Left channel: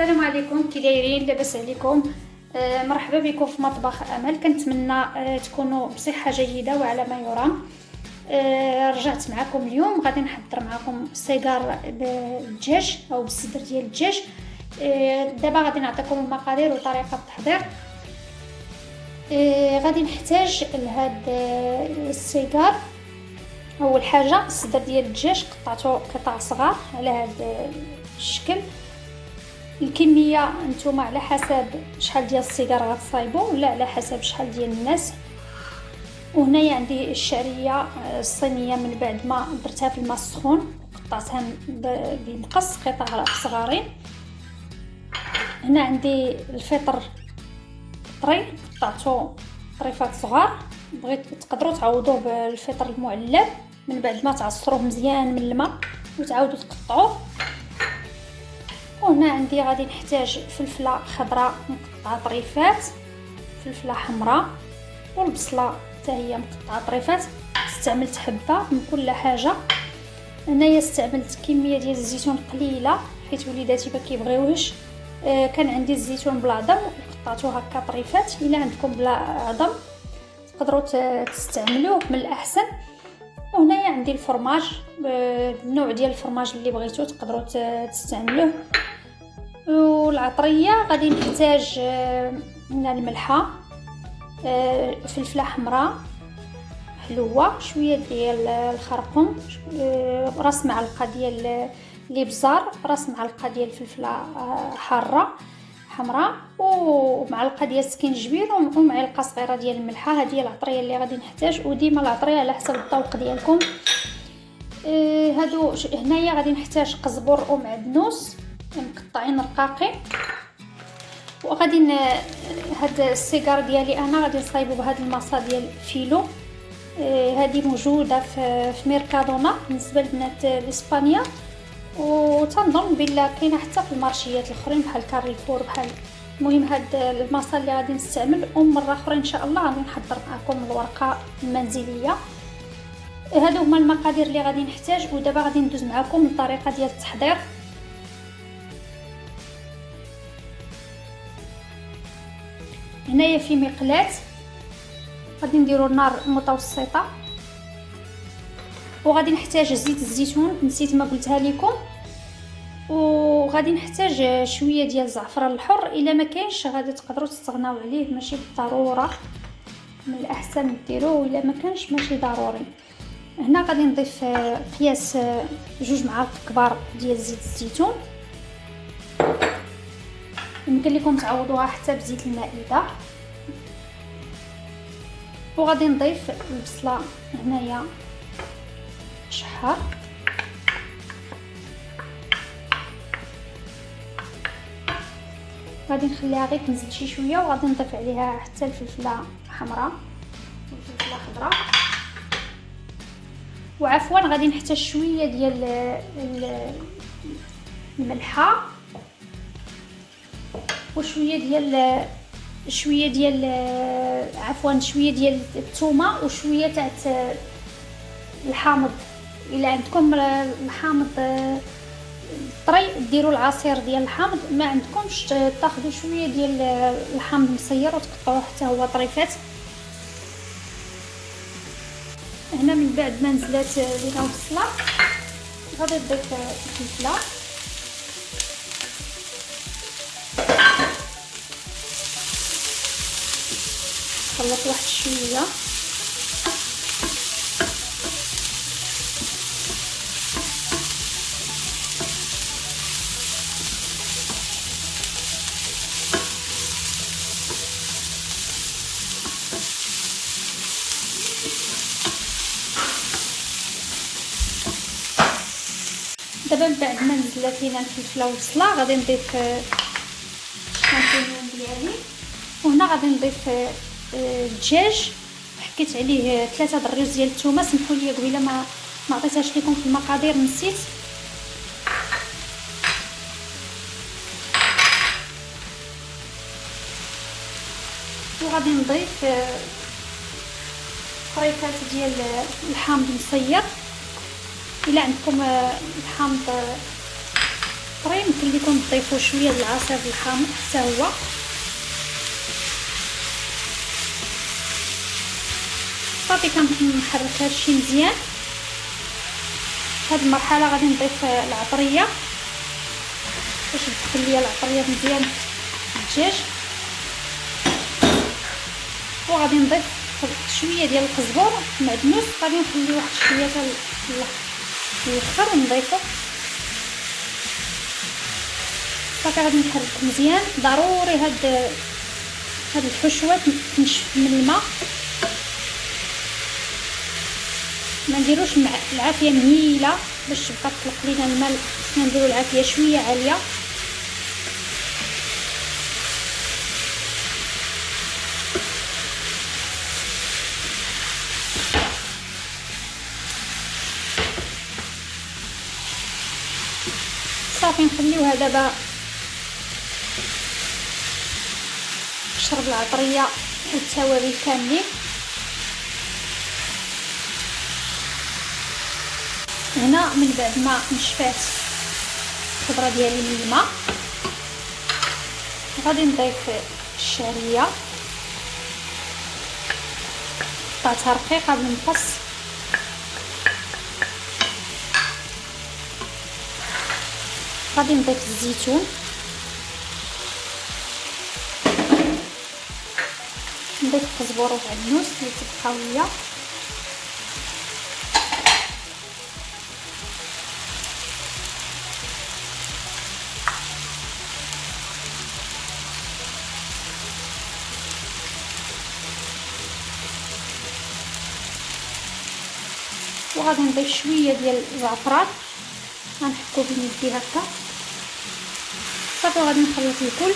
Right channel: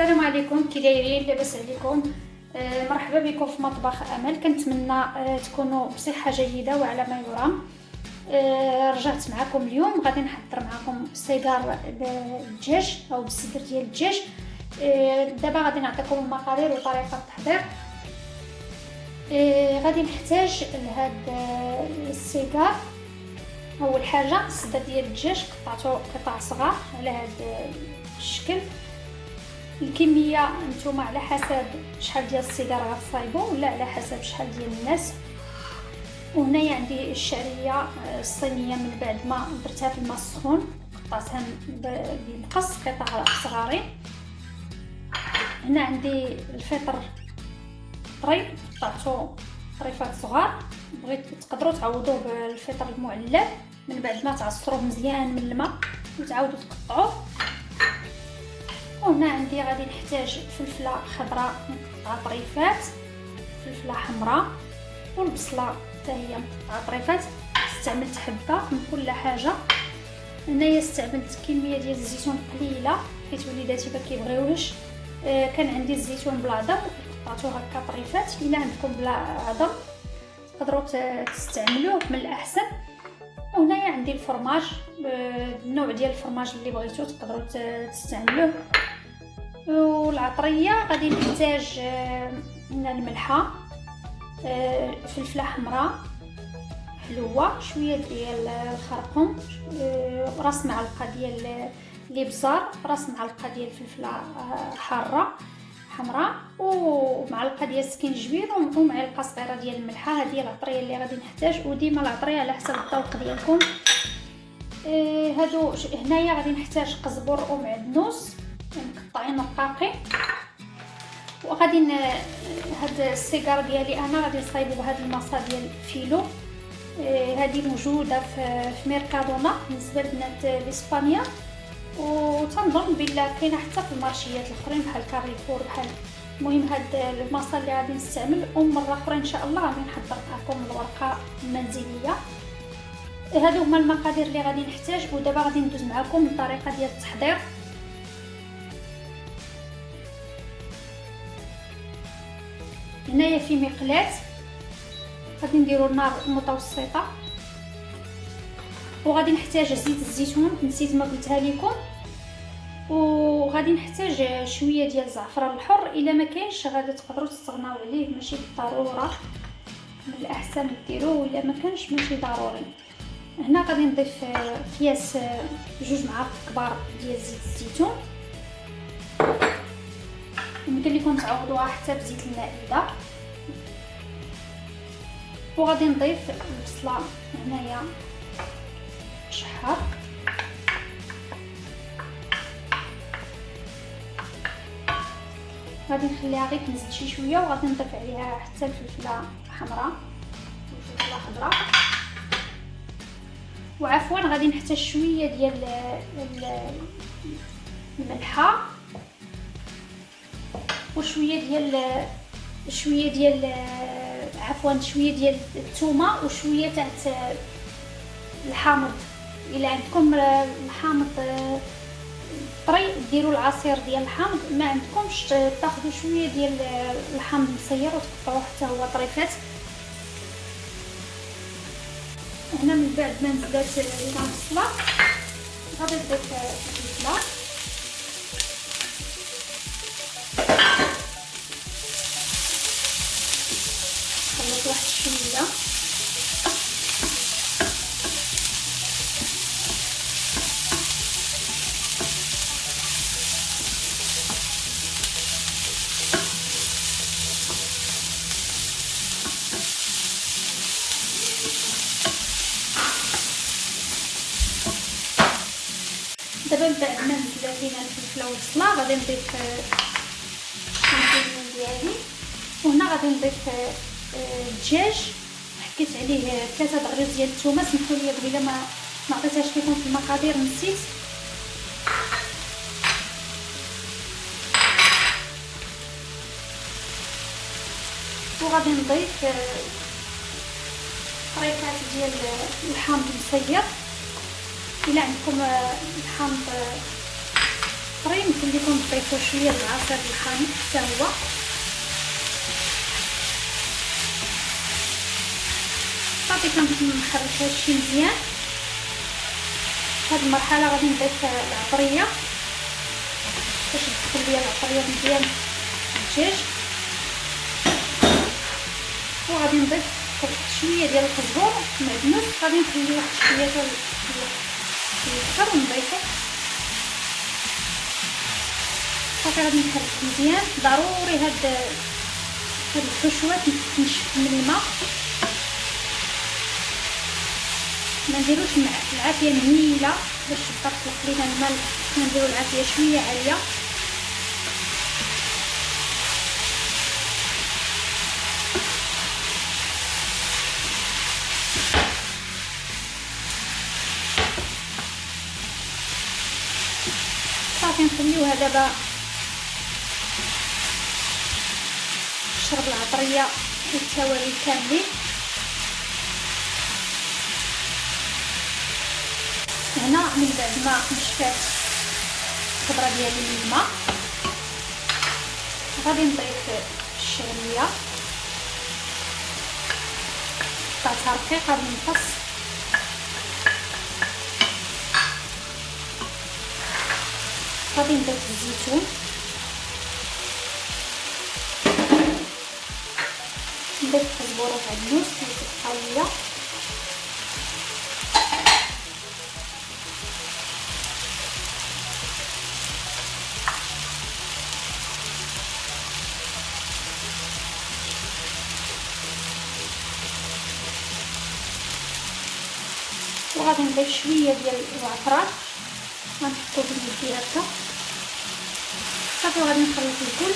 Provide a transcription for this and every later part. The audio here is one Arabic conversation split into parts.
السلام عليكم، كي دايرين؟ لاباس عليكم؟ مرحبا بكم في مطبخ امل. كنتمنى تكونوا بصحه جيده وعلى ما يرام. رجعت معكم اليوم، غادي نحضر معكم صيدار بالدجاج او بالصدر ديال الدجاج. دابا غادي نعطيكم المقادير وطريقه التحضير. غادي نحتاج لهاد الصيدار. اول حاجه الصدر ديال الدجاج قطعته قطع صغار على هذا الشكل. الكميه نتوما على حسب شحال ديال الصغار غتصايبوا، ولا على حسب شحال ديال الناس. وهنايا عندي الشعريه الصينيه من بعد ما درتها في الماء السخون، قطعتها بالمقص قطع صغارين. هنا عندي الفطر طري، قطعته طريفات صغار. بغيت تقدروا تعوضوه بالفطر المعلب من بعد ما تعصروه مزيان من الماء وتعاودوا تقطعوه. وهنا عندي غادي نحتاج فلفله خضراء مقطعه طريفات، فلفله حمراء، والبصله حتى هي مقطعه طريفات. استعملت حبه من كل حاجه. هنايا استعملت كميه ديال الزيتون قليله حيت وليداتي ما كيبغيوهش. كان عندي الزيتون بالعظم قطعته هكا طريفات. الا عندكم بلا عظم تقدروا تستعملوه من الاحسن. وهنايا عندي الفرماج، النوع ديال الفرماج اللي بغيتو تقدروا تستعملوه. والعطريه غادي نحتاج من الملحه، فلفله حمراء حلوه، شويه ديال الخرقوم، راس معلقه ديال الابزار، راس معلقه ديال الفلفله حاره حمراء، ومعلقه ديال السكينجبير، ومعلقه صغيره ديال الملحه. هذه هي العطريه اللي غادي نحتاج، وديما العطريه على حسب الذوق ديالكم. هادو هنايا غادي نحتاج قزبر ومعدنوس مقطعين رقاقين. وغادي هاد السيجار ديالي انا غادي نصايبو بهاد المصا ديال فيلو. هذه موجوده في ميركادونا بالنسبه لبنات اسبانيا، وتنظن بلا كاينه حتى في المارشيات الاخرين بحال كاريفور بحال. المهم هاد المصا اللي غادي نستعمل، ومره اخرى ان شاء الله غادي نحضر معكم الورقه المنزليه. هادو هما المقادير اللي غادي نحتاج. ودابا غادي ندوز معكم الطريقه ديال التحضير. هنايا في مقلاة غادي نديرو النار متوسطه، وغادي نحتاج زيت الزيتون نسيت ما قلتها لكم. وغادي نحتاج شويه ديال الزعفران الحر. الا ما كاينش غادي تقدروا تستغناو عليه، ماشي بالضروره، من الاحسن ديروه الا ما كانش ماشي ضروري. هنا غادي نضيف قياس 2 معالق كبار ديال زيت الزيتون. يمكن لكم تعوضوها حتى بزيت المائده. وغادي نضيف البصله هنايا شحار، غادي نخليها غير تنزل شي شويه، وغادي نضيف عليها حتى الفلفله حمراء والفلفله خضراء. وعفوا غادي نحتاج شويه ديال الملحه، وشويه ديال شويه ديال الثومه، وشويه تاع الحامض. الا عندكم الحامض طري ديروا العصير ديال الحامض، ما عندكمش تاخذوا شويه ديال الحامض مسير وتقطعوه حتى هو طريفات. هنا من بعد ما نزلات بينا البصله غادي نضيف الفلفله، خلط واحد شويه. دابا من بعد ما نزلات لينا الفلفله والبصله غادي نضيف الشامبينيون ديالي. وهنا غادي نضيف الدجاج، حكيت عليه 3 الرز ديال الثومه. سمحوا لي قبيله ما عطيتهاش لكم في المقادير، نسيت. وغادي نضيف طريفات ديال الحامض المسير. الا عندكم الحامض اخرى يمكن لكم تضيفوا شويه د العصير الحامض حتى هو. صافي كنحرك هادشي مزيان. هاد المرحله غادي نضيف العطريه باش تدخل ليا العطريه مزيان في الدجاج، وغادي نضيف شويه ديال القزبر معدنوس. غادي نخلي واحد شويه حتى يخضر ونضيفو. صافي غادي نحرك مزيان. ضروري هاد الحشوه تنشف من الماء، ما نديروش العافيه مهيله باش تبقى تطلق لينا الماء. نديرو العافيه شويه عاليه. صافي نخليوها دابا تشرب العطريه والتوابل كاملين. هنا من بعد ما نشفات الخضره ديالي من الماء غادي نضيف الشعريه، قطعتها رقيقه بالمقص. غادي نضيف الزيتون، نضيف القزبر والعدنوس اللي تبقى ليا. وغادي نضيف شويه ديال الزعفران، غنحكو باليدي هكا. صافي غادي نخلط الكل.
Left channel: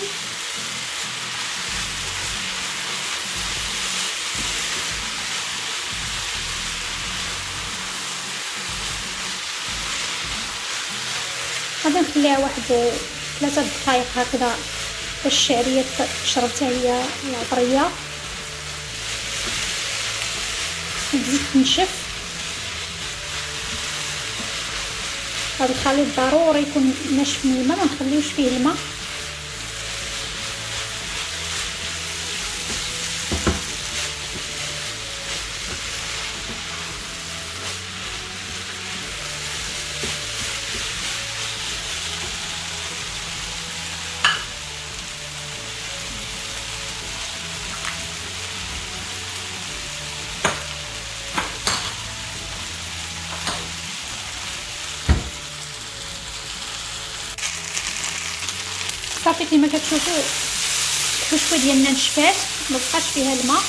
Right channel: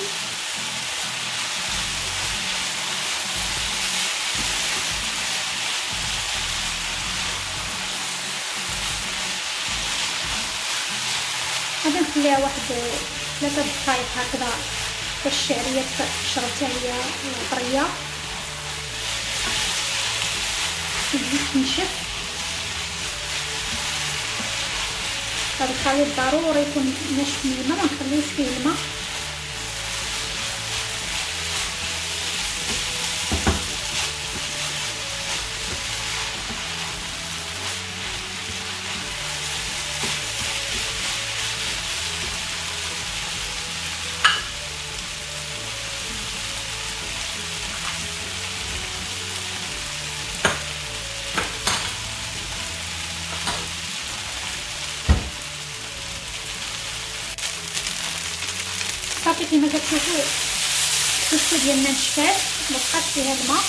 غادي نخليها واحد 3 دقائق هكذا باش الشعريه تشرب حتى هي العطريه تزيد تنشف. هذا الخليط ضروري يكون ناشف من الماء، ما نخليوش فيه الماء. صافي كما كتشوفوا الحشوه ديالنا نشفات، مبقاش فيها الماء.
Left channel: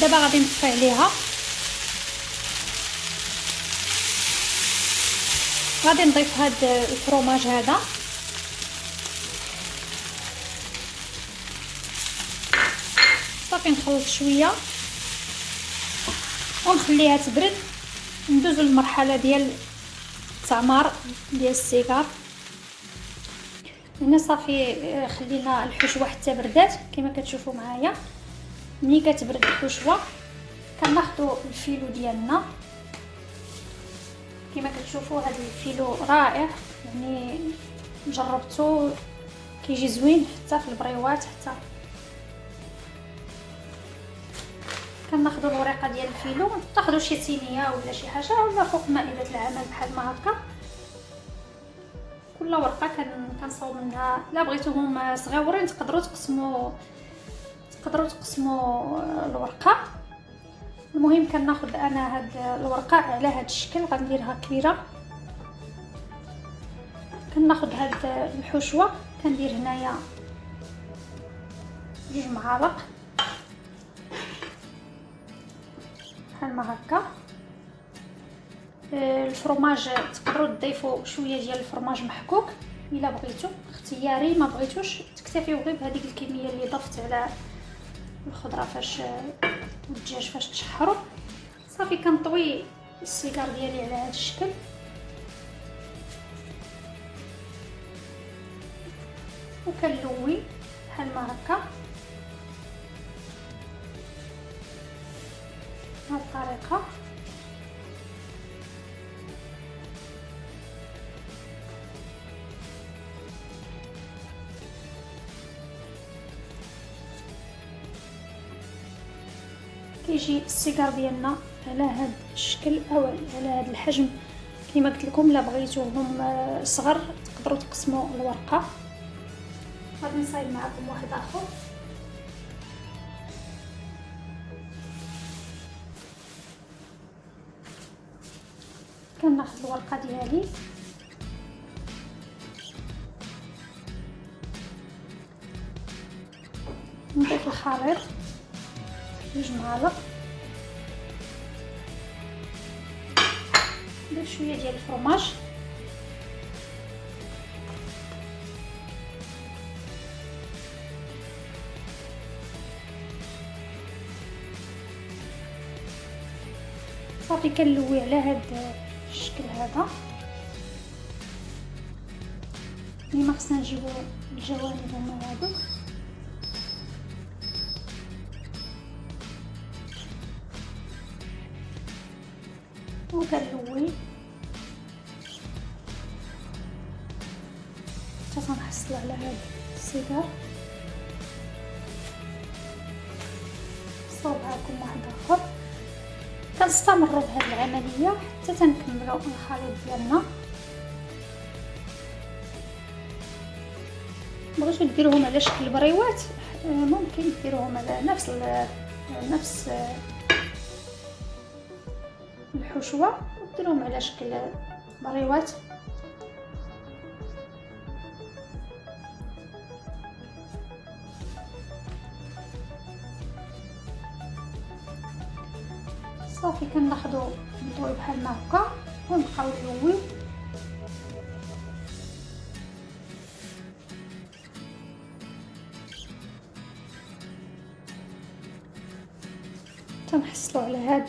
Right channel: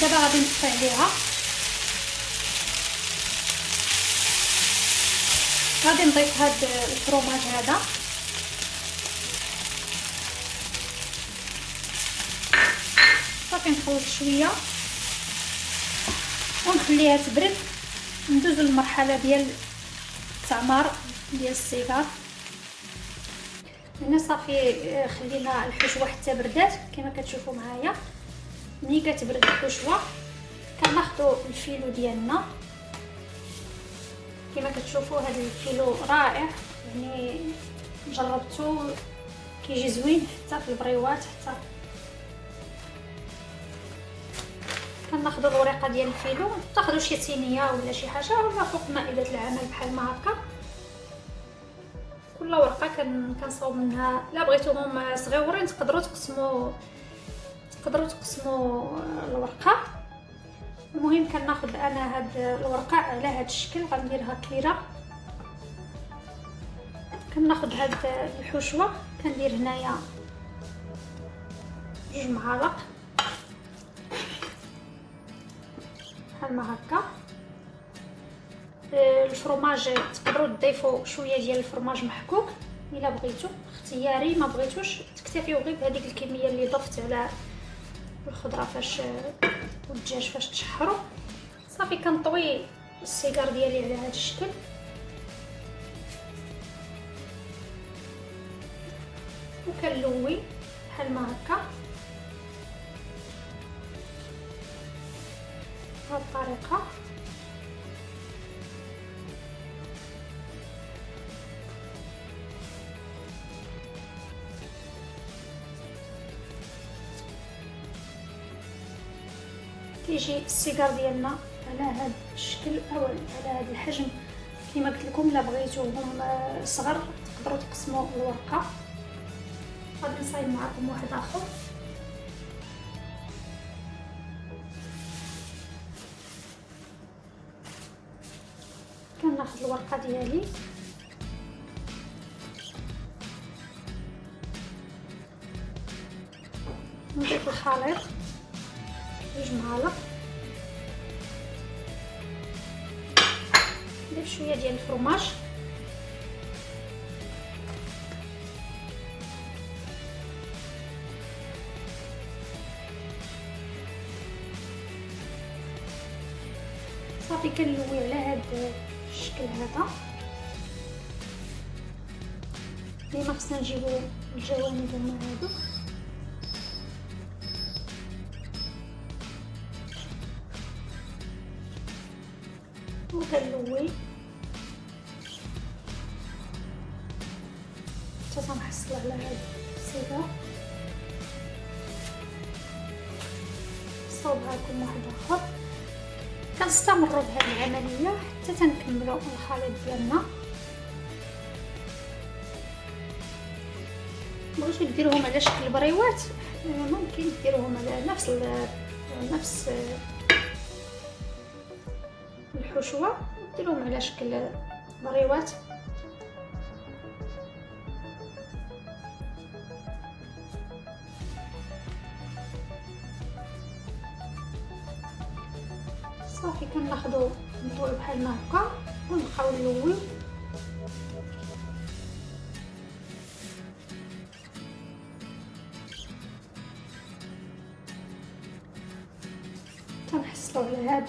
دابا غادي نطفي عليها. غادي نضيف هاد الفرomage هذا. صافي نخلط شويه ونخليها تبرد. ندوزو للمرحله ديال التعمار ديال السيجار. هنا صافي خلينا الحشوه حتى بردات كما كتشوفوا معايا. ملي كتبرد الحشوه كناخذوا الفيلو ديالنا. كما كتشوفوا هذا الفيلو رائع، يعني جربته كيجي زوين حتى في البريوات. حتى كناخذوا الورقه ديال الفيلو، تاخذوا شي صينيه ولا شي حاجه ولا فوق مائده العمل بحال ما هكا. كل ورقه كنصاوب منها. لا بغيتوهم صغيورين تقدروا تقسموا الورقه. المهم كناخذ انا هاد الورقه على هاد الشكل، غنديرها كبيره. كناخذ هاد الحشوه كندير هنايا 2 معالق بحال ما هكا. الفرماج تقدروا تضيفوا شويه ديال الفرماج محكوك الا بغيتو، اختياري. ما بغيتوش تكتفيو غير بهذيك الكميه اللي ضفت على الخضره فاش والدجاج فاش تشحروا. صافي كنطوي السيجار ديالي على هذا الشكل. وكنلوي بحال ما هكا بهذه الطريقه. كيجي السيجار ديالنا على هذا الشكل او على هذا الحجم. كما قلت لكم الا بغيتوهم صغر تقدروا تقسموا الورقه. غادي نصايب معكم واحد اخر. كناخذ الورقه ديالي نضيف الخليط 2 معالق، ندير شويه ديال الفرماج، صافي كنلوي على هذا الشكل هذا. ديما خصنا نجيبو الجوانب هما هادو، وكنلوي حتى تنحصل على هذا السيجار. صوب معكم واحد اخر. كنستمروا بهذه العمليه حتى تنكملوا الخليط ديالنا. بغيتو ديروهم على شكل بريوات ممكن ديروهم على نفس الحشوه، ديروهم على شكل بريوات. صافي كناخذوا الضوء بحال هكا ونبقاو نلوي. تنحصلوا على هذا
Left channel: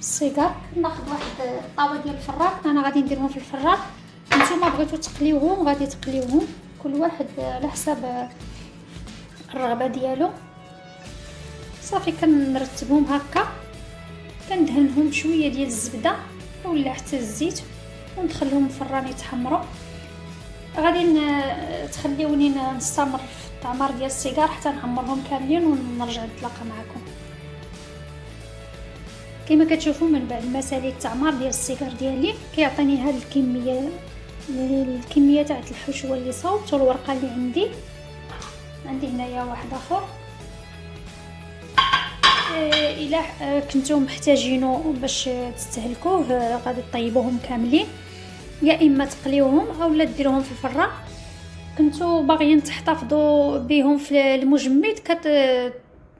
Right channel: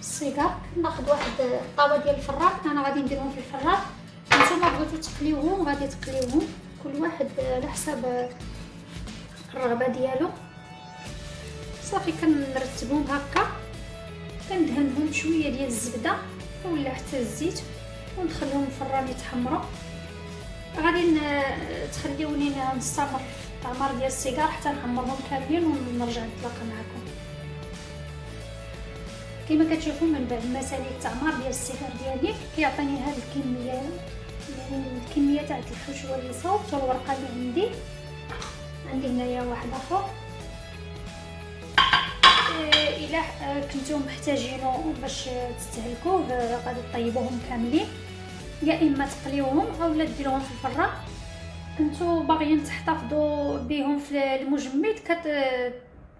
السيجار. ناخذ واحد الطاوه ديال الفران، انا غادي نديرهم في الفران. نتوما بغيتو تقليوهم غادي تقليوهم، كل واحد على حساب الرغبه ديالو. صافي كنرتبهم هكا، كندهنهم شويه ديال الزبده ولا حتى الزيت وندخلهم الفران يتحمروا. غادي تخليوني نستمر في التعمار ديال السيجار حتى نحمرهم كاملين ونرجع نتلاقى معكم. كما كتشوفوا من بعد ما ساليت التعمار ديال السيجار ديالي كيعطيني هاد الكميه، يعني الكميه تاع الحشوه اللي صوبت والورقه اللي عندي هنايا واحد اخر. الا كنتو محتاجينه باش تستهلكوه غادي تطيبوهم كاملين، يا اما تقليوهم اولا ديروهم في الفران. كنتو باغيين تحتفظوا بهم في المجمد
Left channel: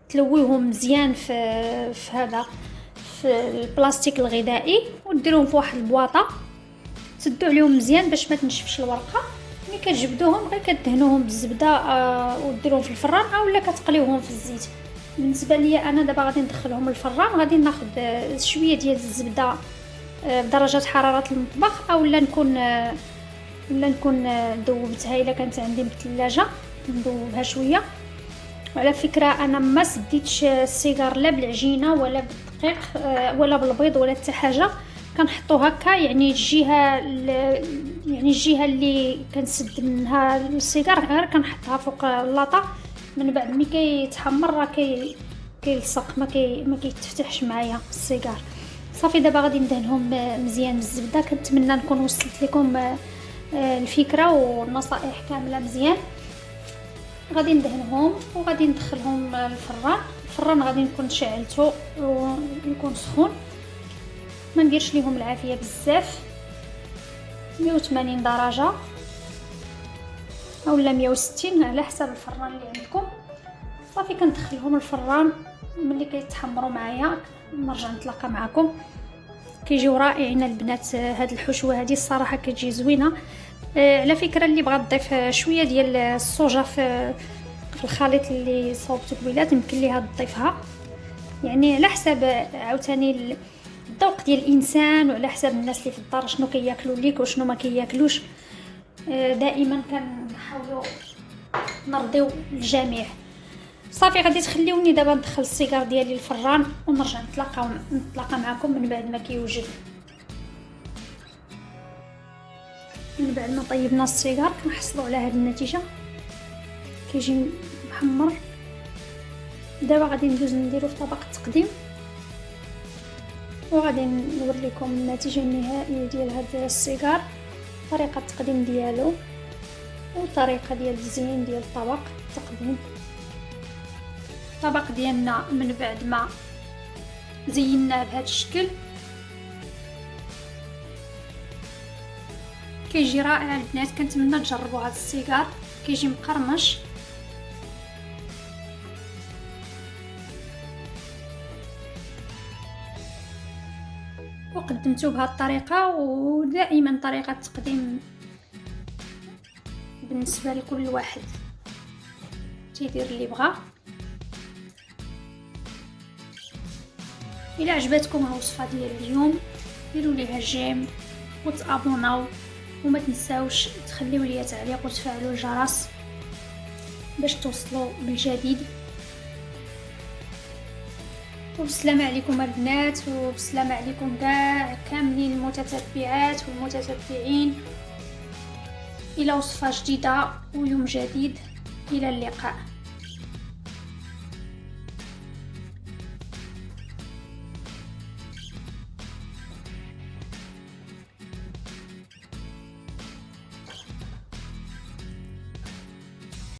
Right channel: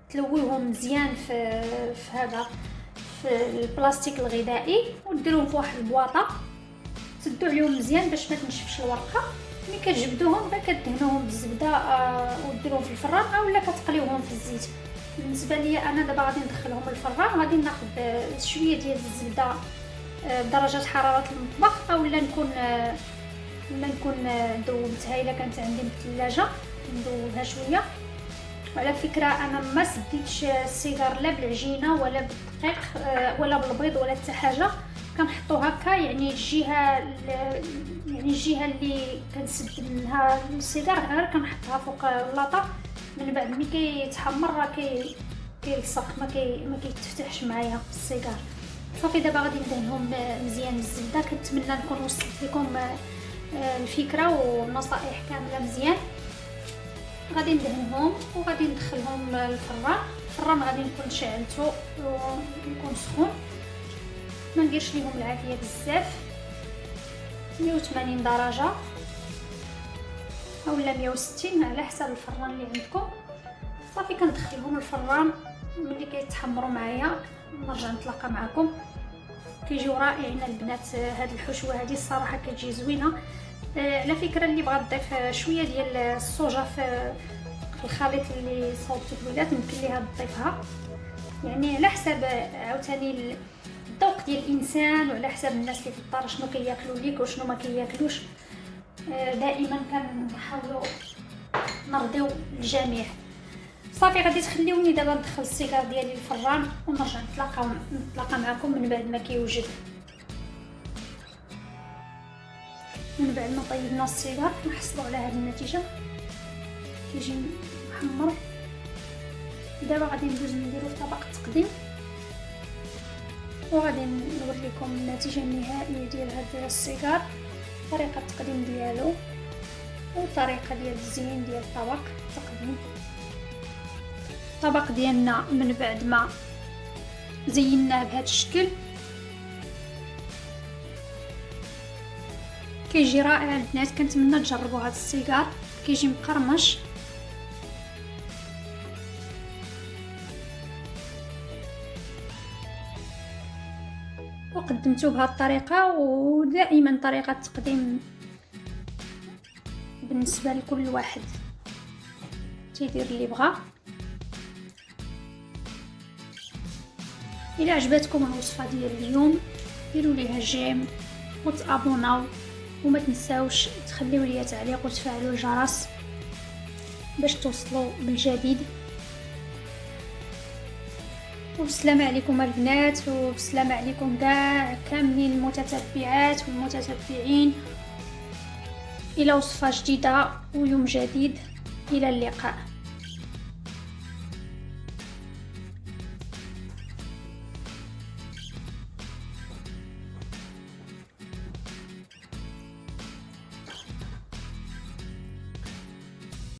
كتلويهم مزيان في هذا في البلاستيك الغذائي وديروهم في واحد البواطه، تسدوا عليهم مزيان باش ما تنشفش الورقه. ملي كتجبدوهم غير كدهنوهم بالزبده وديروهم في الفران اولا كتقليوهم في الزيت. بالنسبه لي انا دابا غادي ندخلهم الفران، غادي ناخذ شويه ديال الزبده بدرجه حراره المطبخ اولا نكون ذوبتها الا كانت عندي بالثلاجه ندوبها شويه. وعلى فكره انا ما سديتش السيجار لا بالعجينه ولا بالدقيق ولا بالبيض ولا حتى حاجه، كنحطو هكا يعني الجهه اللي كنسد منها السيجار غير كنحطها فوق اللاطه. من بعد ملي كيتحمر راه كيلصق ما كيتفتحش معايا السيجار. صافي دابا غادي ندهنهم مزيان بالزبده. كنتمنى نكون وصلت لكم الفكره والنصائح كامله مزيان. غادي ندهنهم وغادي ندخلهم الفران غادي نكون شعلته ويكون سخون، ما نديرش ليهم العافيه بزاف، 180 درجه اولا 160 على حسب الفران اللي عندكم. صافي كندخلهم الفران، ملي كيتحمروا معايا نرجع نتلاقى معكم. كيجيو رائعين البنات. هاد الحشوه هذه الصراحه كتجي زوينه. على فكره اللي بغات تضيف شويه ديال الصوجه في الخليط اللي صوبته قبيله يمكن ليها تضيفها، يعني على حساب عاوتاني الذوق ديال الانسان وعلى حساب الناس اللي في الدار شنو كياكلوا ليك وشنو ما كياكلوش. دائما كنحاولوا نرضيو الجميع. صافي غادي تخليوني دابا ندخل السيجار ديالي الفران ونرجع نتلاقى معكم من بعد ما كيوجد. من بعد ما طيبنا السيجار كنحصلوا على هذه النتيجه، كيجي محمر دابا غادي ندوز نديرو في طبق التقديم، وغادي نوريكم النتيجه النهائيه ديال هذا السيجار، طريقه التقديم ديالو وطريقه ديال التزيين ديال الطبق التقديم. الطبق ديالنا من بعد ما زيناه بهذا الشكل كيجي رائع البنات. كنتمنى تجربوا هذا السيجار، كيجي مقرمش. وقدمته بهذه الطريقه، ودائما طريقه التقديم بالنسبه لكل واحد تيدير اللي بغا. الى عجبتكم الوصفه ديال اليوم ديروا ليها جيم وتابوناو، وما تنساوش تخليو لي تعليق وتفعلوا الجرس باش توصلوا بالجديد. وبسلامة عليكم البنات، وبسلامة عليكم كاع كاملين المتتبعات والمتتبعين. الى وصفه جديده ويوم جديد، الى اللقاء.